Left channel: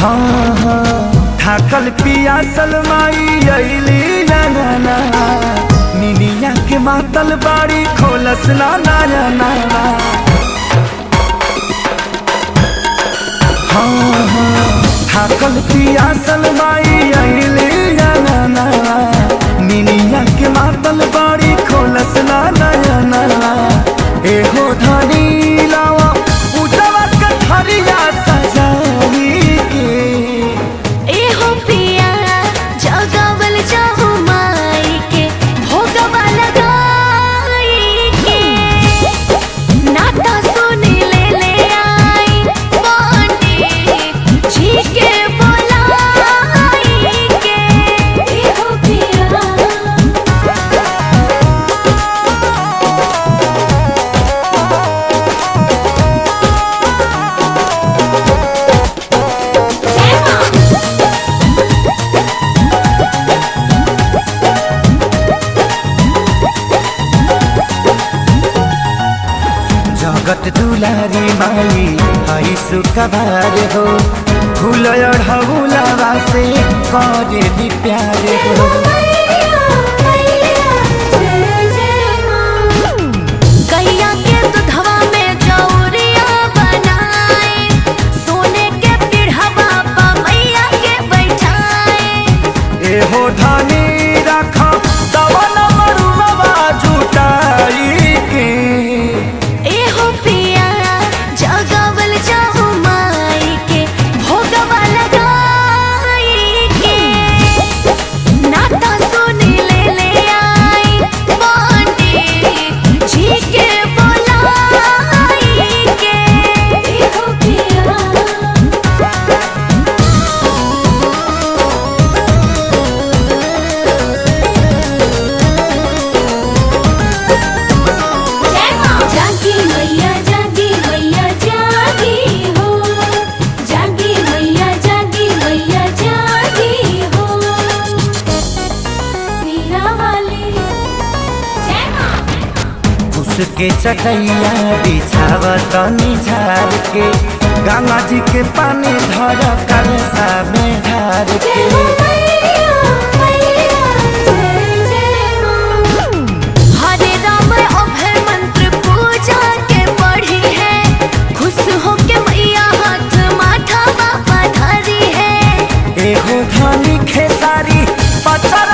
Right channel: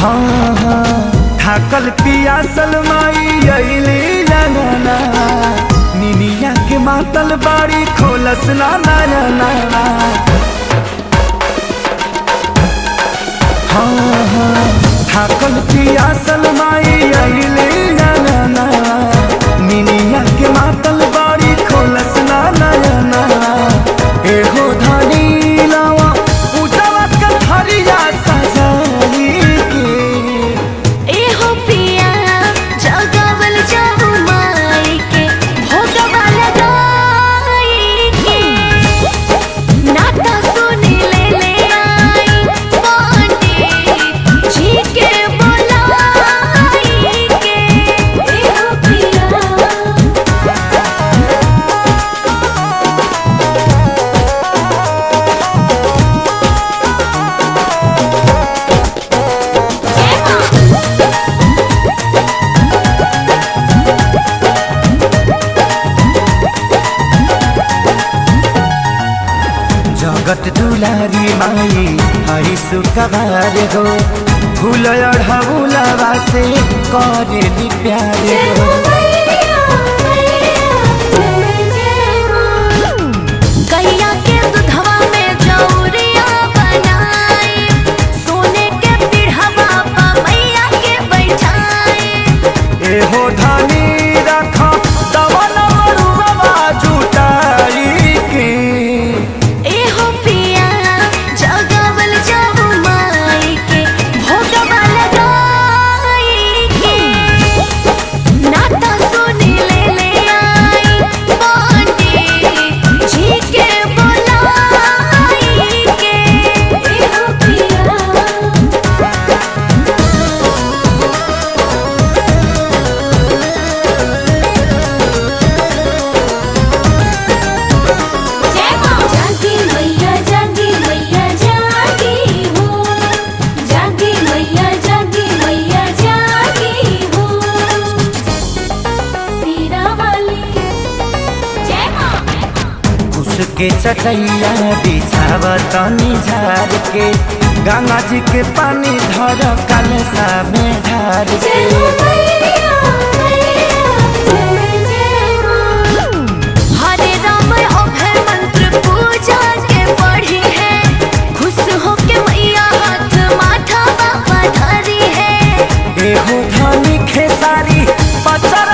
हाँ हाँ थाकल पियासल माई अइली अंगना निनिया के मातल बाड़ी खोलस ना नयना। हाँ हाँ थाकल पियासल माई अइली अंगना निनिया के मातल बाड़ी खोलस ना नयना। एहो धनी लावा पूजवा कथरिया सजाई के एहो पिया जगावल जाहु माई के भोगवा लगाई के नाता सुनी ले आई पंडित जी के बोलाई के। एहो पिया जगत दुलारी माई हई सुखबार हो फूल अढ़ौलवा से करेली प्यार हो। गैया के दूधवा में जौरिया बनाए सोने के पीढ़वा पा मैया के बैठाए। एहो धनी रख दवन मरुआ जुटाई के एहो पिया जगावल जाहु माई के भोगवा लगाई के नाता सुनी ले आई पंडित जी के बोलाई के। एहो पिया जागी मैया जागी मैया जागी हो जागी मैया जागी हो सीना वाली जय मां। कुश के चटैया बिछाव तनी झार के गंगा जी के पानी धर कलसा में ढार के। हरे राम अभय मंत्र पूजा के पढ़ी है खुश हो के मैया हाथ माथा बाबा धरी है। एहो धनी खेसारी पचर